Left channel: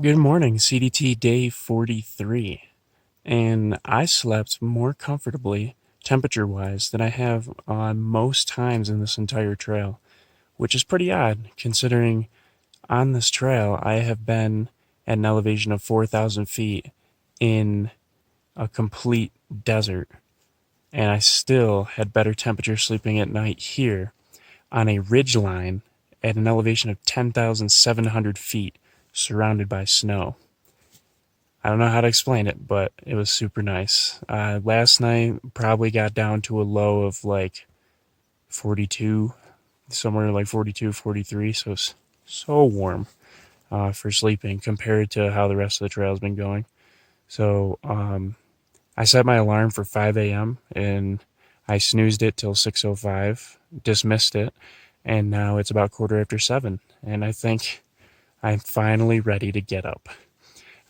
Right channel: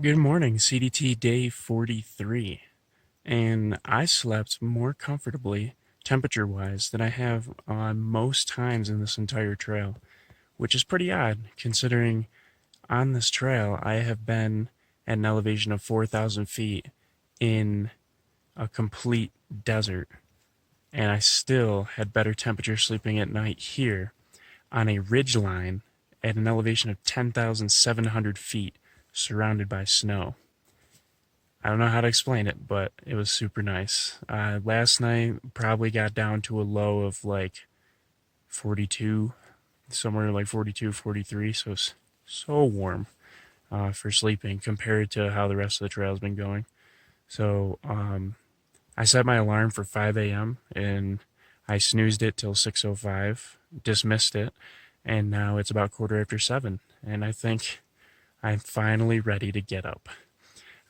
Good morning, CDT day 43, and I slept more comfortably, temperature-wise, than I have on most times in this entire trail, which is pretty odd, considering on this trail I have been at an elevation of 4,000 feet in a complete desert, and I still had better temperature sleeping at night here on a ridge line at an elevation of 10,700 feet, surrounded by snow. I don't know how to explain it, but it was super nice. Last night probably got down to a low of like 42, somewhere like 42, 43. So it's so warm for sleeping compared to how the rest of the trail's been going. So I set my alarm for 5 a.m. and I snoozed it till 6:05, dismissed it, and now it's about quarter after 7. And I think I'm finally ready to get up.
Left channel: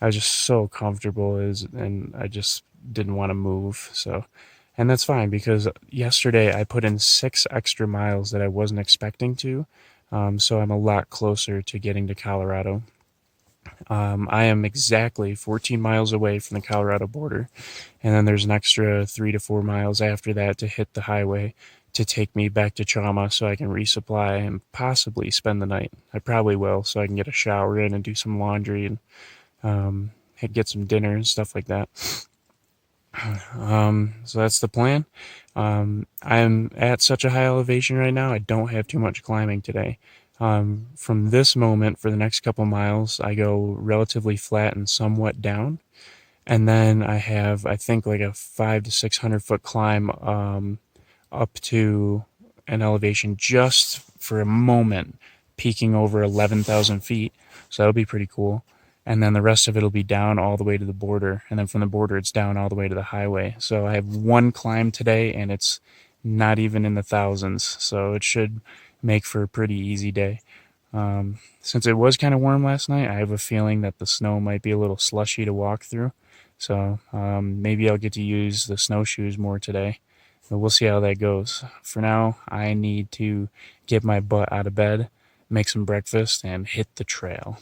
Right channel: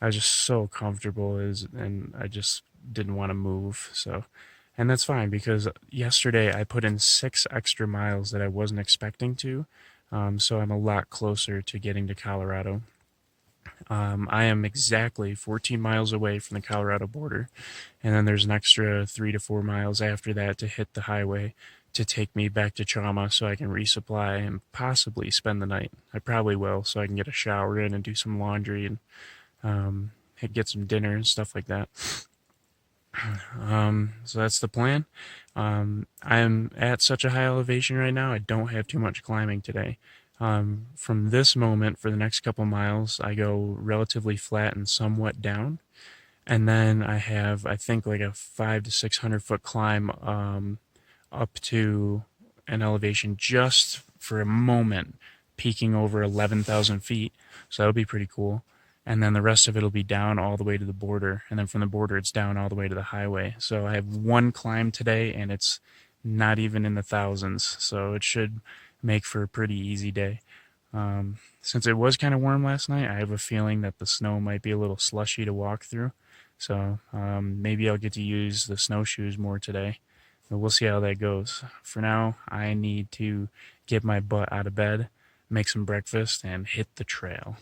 I was just so comfortable and I just didn't want to move. So, and that's fine because yesterday I put in 6 extra miles that I wasn't expecting to. So I'm a lot closer to getting to Colorado. I am exactly 14 miles away from the Colorado border. And then there's an extra 3 to 4 miles after that to hit the highway to take me back to Chama so I can resupply and possibly spend the night. I probably will, so I can get a shower in and do some laundry and um, get some dinner and stuff like that. So that's the plan. I'm at such a high elevation right now, I don't have too much climbing today. From this moment, for the next couple miles, I go relatively flat and somewhat down. And then I have, I think, like a 500 to 600 foot climb up to an elevation just for a moment, peaking over 11,000 feet. So that'll be pretty cool. And then the rest of it will be down all the way to the border. And then from the border, it's down all the way to the highway. So I have one climb today, and it's not even in the thousands. So it should make for a pretty easy day. Since it was kind of warm last night, I have a feeling that the snow might be a little slushy to walk through. So maybe I'll get to use the snowshoes more today. But we'll see how that goes. For now, I need to get my butt out of bed, make some breakfast, and hit the trail.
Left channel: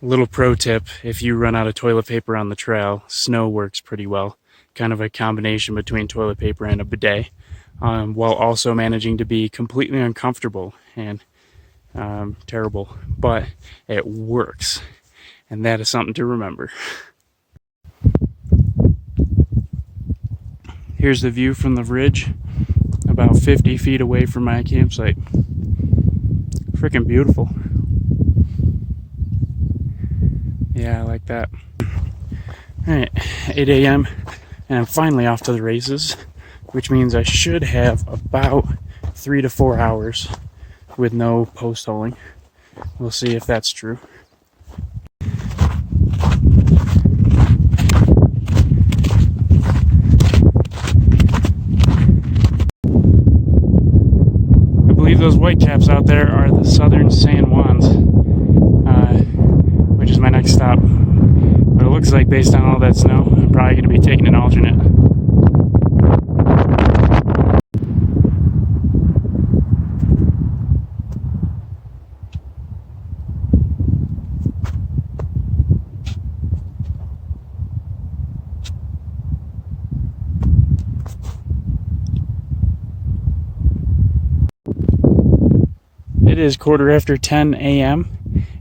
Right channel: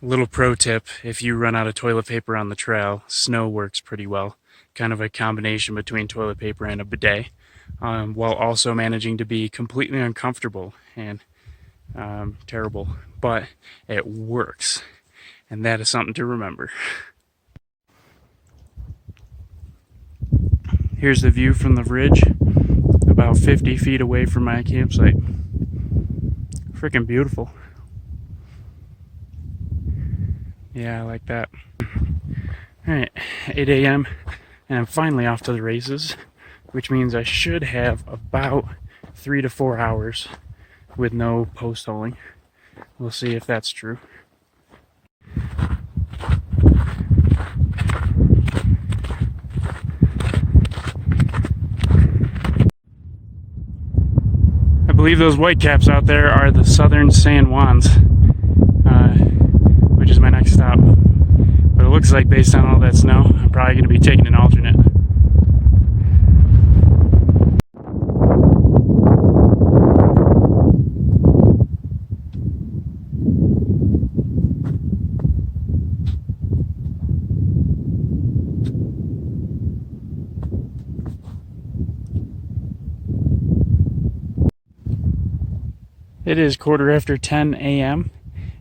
Little pro tip, if you run out of toilet paper on the trail, snow works pretty well. Kind of a combination between toilet paper and a bidet, while also managing to be completely uncomfortable and terrible. But it works, and that is something to remember. Here's the view from the ridge, about 50 feet away from my campsite. Freaking beautiful. Yeah, I like that. Alright, 8 a.m. and I'm finally off to the races, which means I should have about 3 to 4 hours with no post-holing. We'll see if that's true. I believe those white caps out there are the Southern San Juans, which is my next stop. But it looks like, based on all that snow, I'm probably going to be taking an alternate. It is quarter after 10 a.m.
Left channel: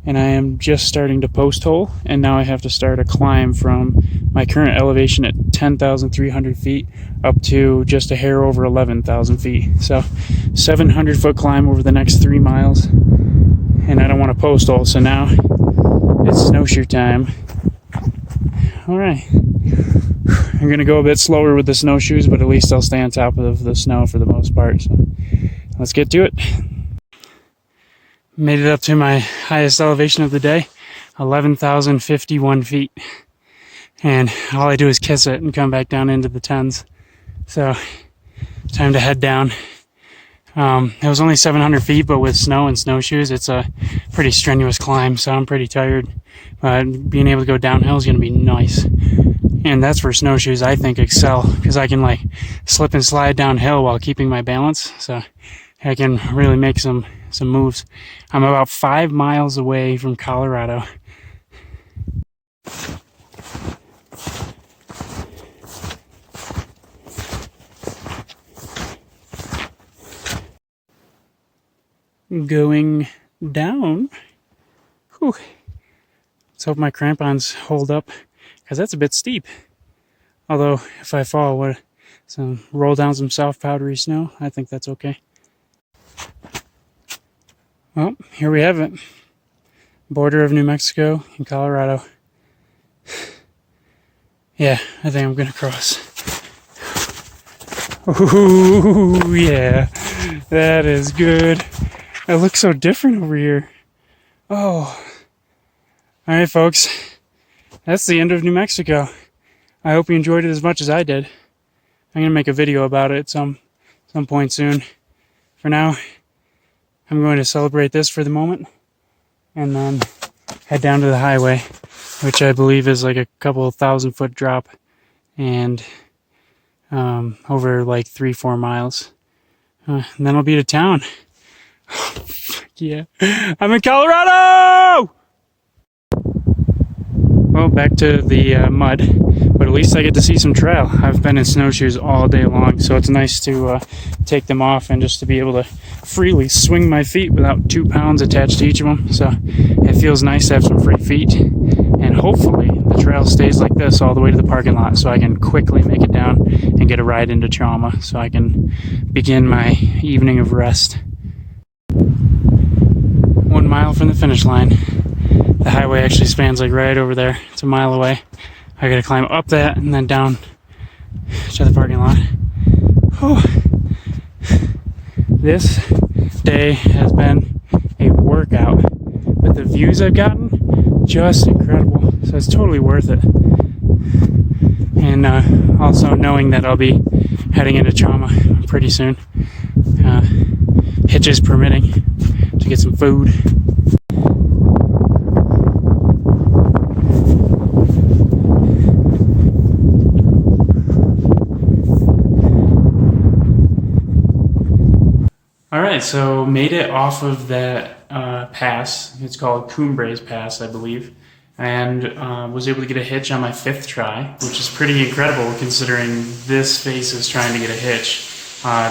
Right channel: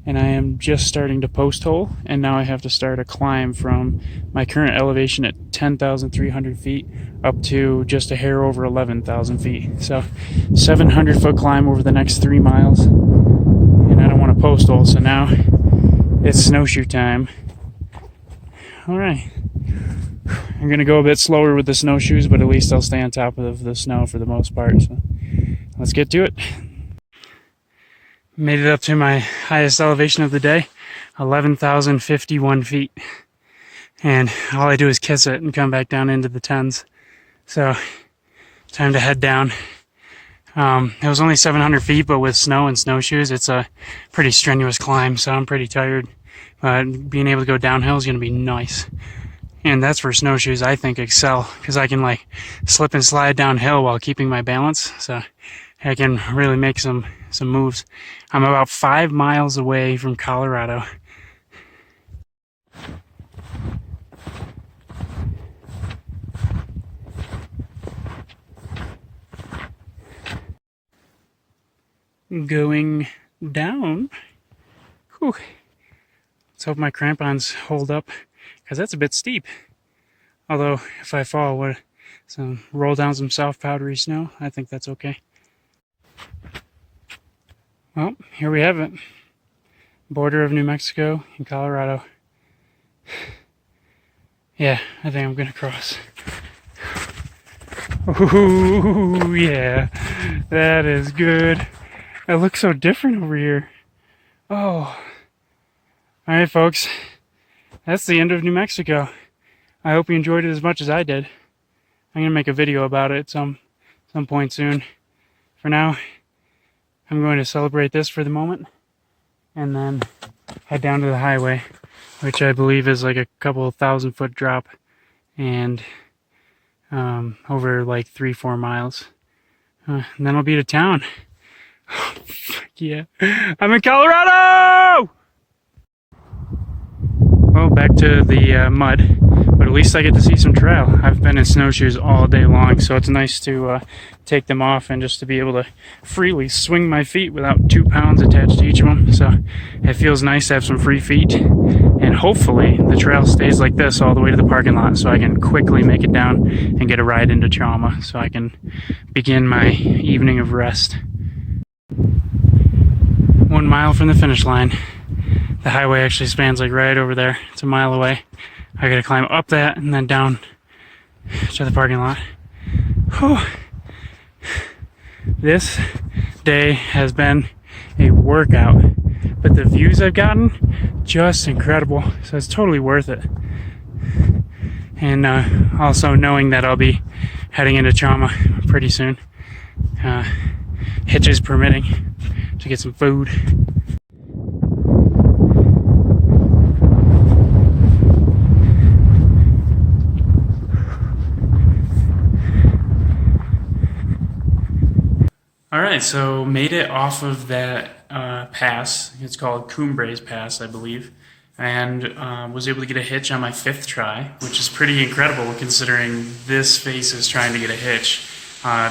and I am just starting to post hole, and now I have to start a climb from my current elevation at 10,300 feet up to just a hair over 11,000 feet. So 700 foot climb over the next 3 miles, and I don't want to post hole, so now it's snowshoe time. All right, I'm gonna go a bit slower with the snowshoes, but at least I'll stay on top of the snow for the most part. So let's get to it. Made it up to my highest elevation of the day, 11,051 feet. And all I do is kiss it and come back down into the tens. So, time to head down. It was only 700 feet, but with snow and snowshoes, it's a pretty strenuous climb, so I'm pretty tired. But being able to go downhill is going to be nice. And that's where snowshoes, I think, excel, because I can like slip and slide downhill while keeping my balance. So I can really make some moves. I'm about 5 miles away from Colorado. Going down. Whew. Let's hope my crampons hold up, because that's a bit steep. Although, if I fall, roll down some soft powdery snow, I think that's okay. Well, here we have it. Border of New Mexico and Colorado. Yeah, I think I'm gonna cross. Ooh, yeah. That is good. It looks so different over here. Oh. Alright, folks. That's the end of New Mexico. I hope you enjoyed it as much as I did. I'm gonna make a video about it some point soon. For now, I'm going to celebrate this for the moment, and then head down to the highway, which I believe is like a couple 1,000-foot drop, and over like 3-4 miles. And then I'll be to town. Yeah, I'm in Colorado! Well, back to the mud, but at least I get to see some trail. I've been in snowshoes all day long, so it's nice to take them off and just to be able to freely swing my feet without 2 pounds attached to each of them. So it feels nice to have some free feet, and hopefully the trail stays like this all the way to the parking lot so I can quickly make it down and get a ride into Trauma so I can begin my evening of rest. 1 mile from the finish line. The highway actually spans like right over there. It's a mile away. I gotta climb up that and then down to the parking lot. Whew. This day has been a workout, but the views I've gotten, just incredible. So it's totally worth it. And also knowing that I'll be heading into Trauma pretty soon. Hitches permitting, to get some food. Alright, so made it off of that pass. It's called Cumbres Pass, I believe. And was able to get a hitch on my 5th try, which is pretty incredible considering this face is trying to get a hitch.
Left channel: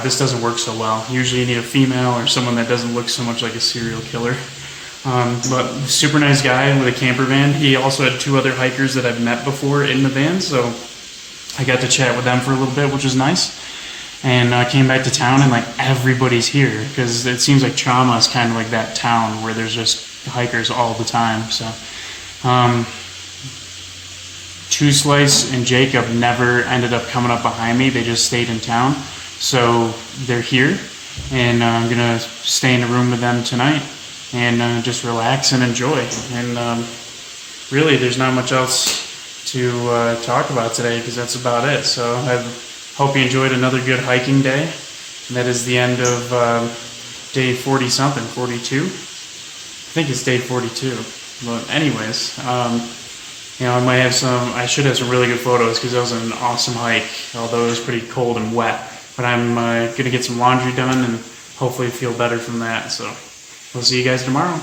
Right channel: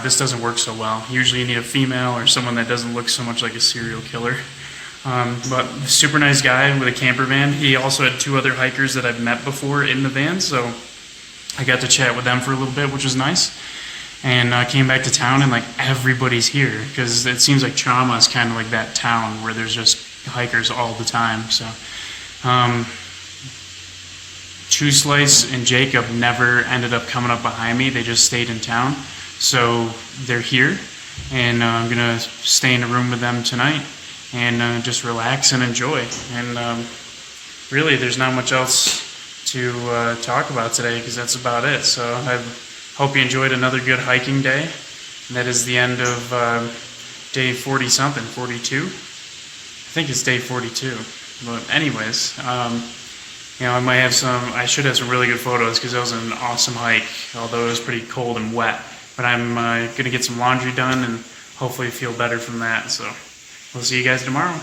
This doesn't work so well. Usually you need a female or someone that doesn't look so much like a serial killer. But super nice guy with a camper van. He also had 2 other hikers that I've met before in the van, so I got to chat with them for a little bit, which was nice. And came back to town, and like everybody's here because it seems like Trauma is kind of like that town where there's just hikers all the time. So Two Slice and Jacob never ended up coming up behind me. They just stayed in town, so they're here, and I'm gonna stay in a room with them tonight and just relax and enjoy. And really, there's not much else to talk about today because that's about it. So I hope you enjoyed another good hiking day. And that is the end of day 40 something, 42. I think it's day 42. But anyways, you know, I should have some really good photos because that was an awesome hike, although it was pretty cold and wet. But I'm gonna get some laundry done and hopefully feel better from that. So we'll see you guys tomorrow.